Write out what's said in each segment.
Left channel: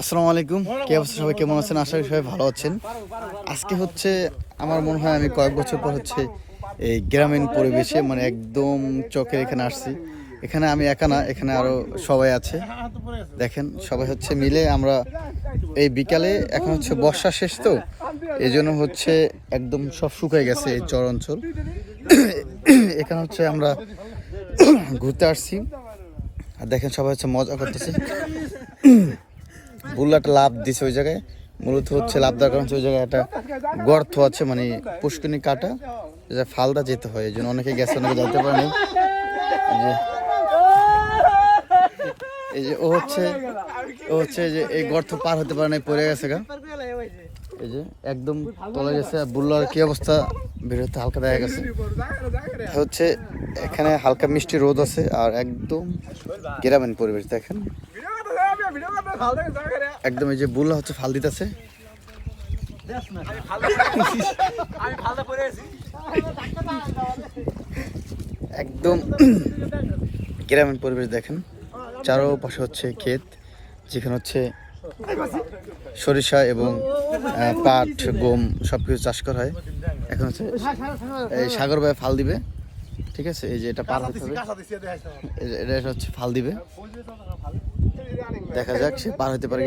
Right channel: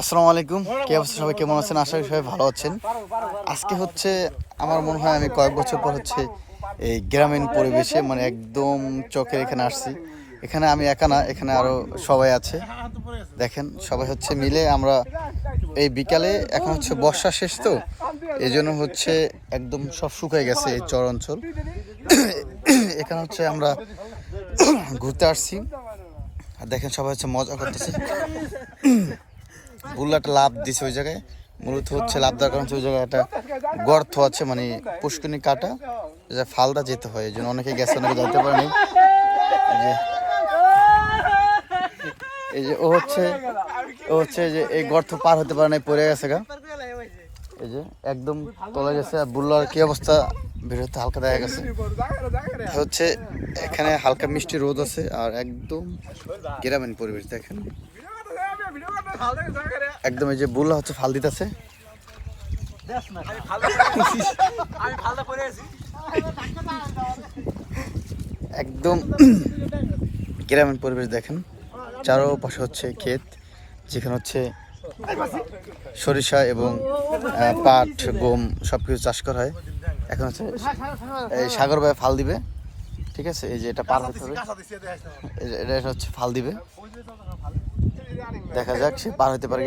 আসসালামু আলাইকুম, কে অবস্থা? সবাই কেমন আছেন? আশা করি সবাই ভালো আছেন। আজকে হচ্ছে আমার মনে হয় আমি কয়েক বছর পর হচ্ছে এই গ্রামীণ পরিবেশে মানে একদম চোখের এখানে আসছি। এখানে আমি একা না, এখানে আরো সবাই আছে। দেখেন সবাই হচ্ছে মিলে আমরা এই বিকালে, এখন হচ্ছে বর্ষা শেষ তো এই জন্য হচ্ছে একদম সব শুকিয়ে গেছে এই চর অঞ্চল। এখানে হচ্ছে আমরা ঘুরতে আসছি আর দেখেন সবাই হচ্ছে মজা করতেছে। বুল্লাটা লাভ দিছে ওই জায়গায়, মূলত হচ্ছে লাভ দেওয়ার কারণ ওই জায়গায় একটা গর্ত আছে, মানে পুষ্করণী কাটা ফালদা যেতে হয়, এই জন্য অনেকে গেছে, অনেকে যাইতে পারে না। এই যে ও হচ্ছে যে এই গর্ত পার হতে পারে না, পড়ে গেছে গা, এই যে একদম তলে গেছে। আর বুল্লার কি অবস্থা বেরোতে হালকা দেখা গেছে। হচ্ছে এখানে হালকা মিষ্টি রোদ আছে আর একদম গ্রামীণ পরিবেশ। দেখেন একদম এই যে বুল্লা হচ্ছে ফাল দিতেছে। একদম গ্রামীণ পরিবেশ দেখেন, চারোপাশে হচ্ছে ক্ষেত, যেখানে হচ্ছে সরিষা এবং পাট, গম সবকিছু চাষ করা হয়। এখন হচ্ছে এই সাগর ভাই ফাল দিবে, ঠিক আছে? এই যে এটা পার হতে হবে, এটা হচ্ছে ফাল দিবে, দেখা যাক সে পার হতে পারে।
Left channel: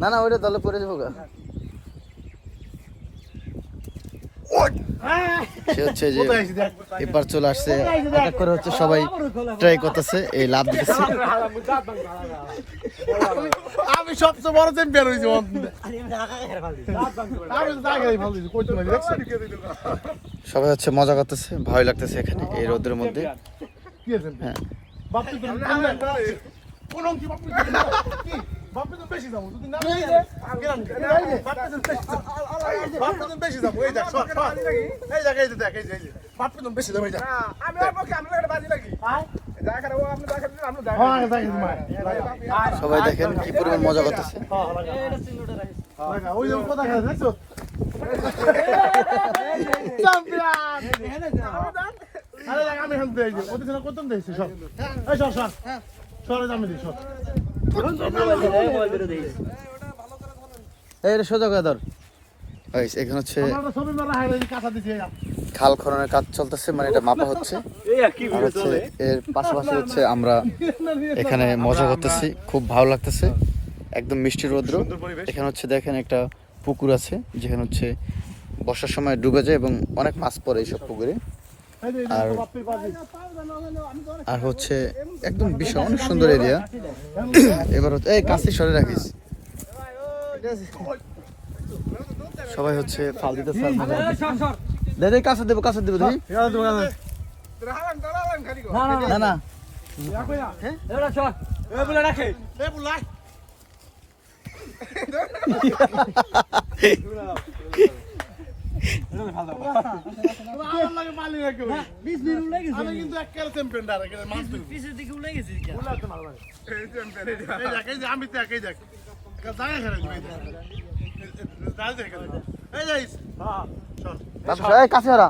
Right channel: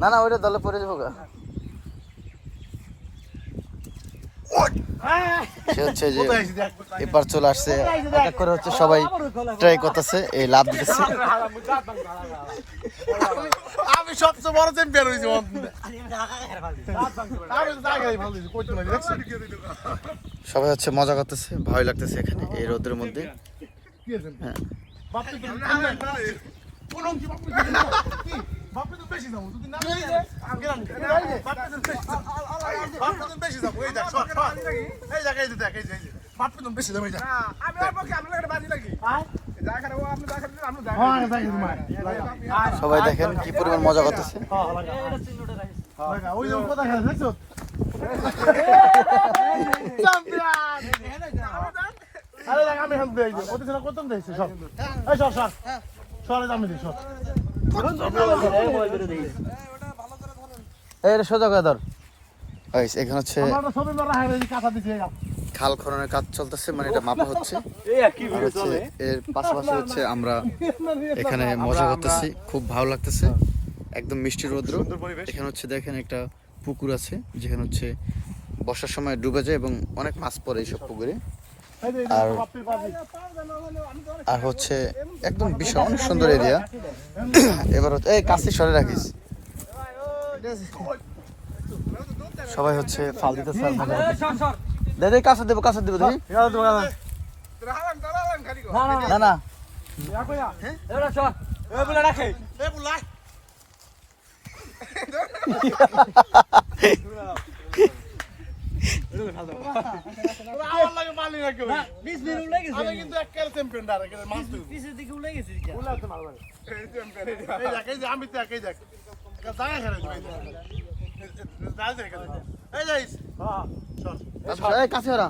না না, ওইটা দলে পড়ে যাবো গা। সে হচ্ছে যে এবার চলে আসছে, এক করে হচ্ছে সবাই ট্রাই করতেছে, এই লাভ দিতেছে। আমি সবচেয়ে বড় চ্যাম্পিয়ন হইছি। সবাই হচ্ছে মজা করতেছে, ভয় লাগতেছে এখানে এই রোদের মধ্যে। হ্যাঁ সবাই দেখেন কি পরিমাণ মজা করতেছে। এখানে হচ্ছে খাল খননের কাজ চলতেছে, মানে এটা মাপা হচ্ছে। আর হচ্ছে এর পাশাপাশি হচ্ছে আমরা এখানে মজা করতেছি, খুব ভালো লাগতেছে, একদম মিষ্টি রৌদ্র। এখানে হচ্ছে দেখেন একটা পুকুর আছে, যেখানে হচ্ছে বর্ষার সময় ডুবে যায় এবং অনেক মাছ পড়ে এইসব পুকুরে। আর হচ্ছে একদম বিশাল অনেক সুন্দর এরিয়া। এবার হচ্ছে এই কাছে সরে রাখিস, সবাই হচ্ছে ফাল দিতেছে। দাদা কাছে দেবো তুমি। না না কাছে ওরা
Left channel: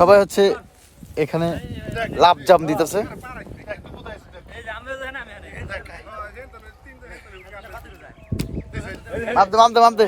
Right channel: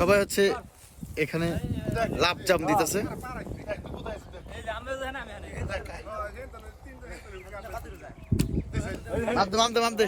সবাই হচ্ছে এখানে লাভ জাম দিতেছে। মামতে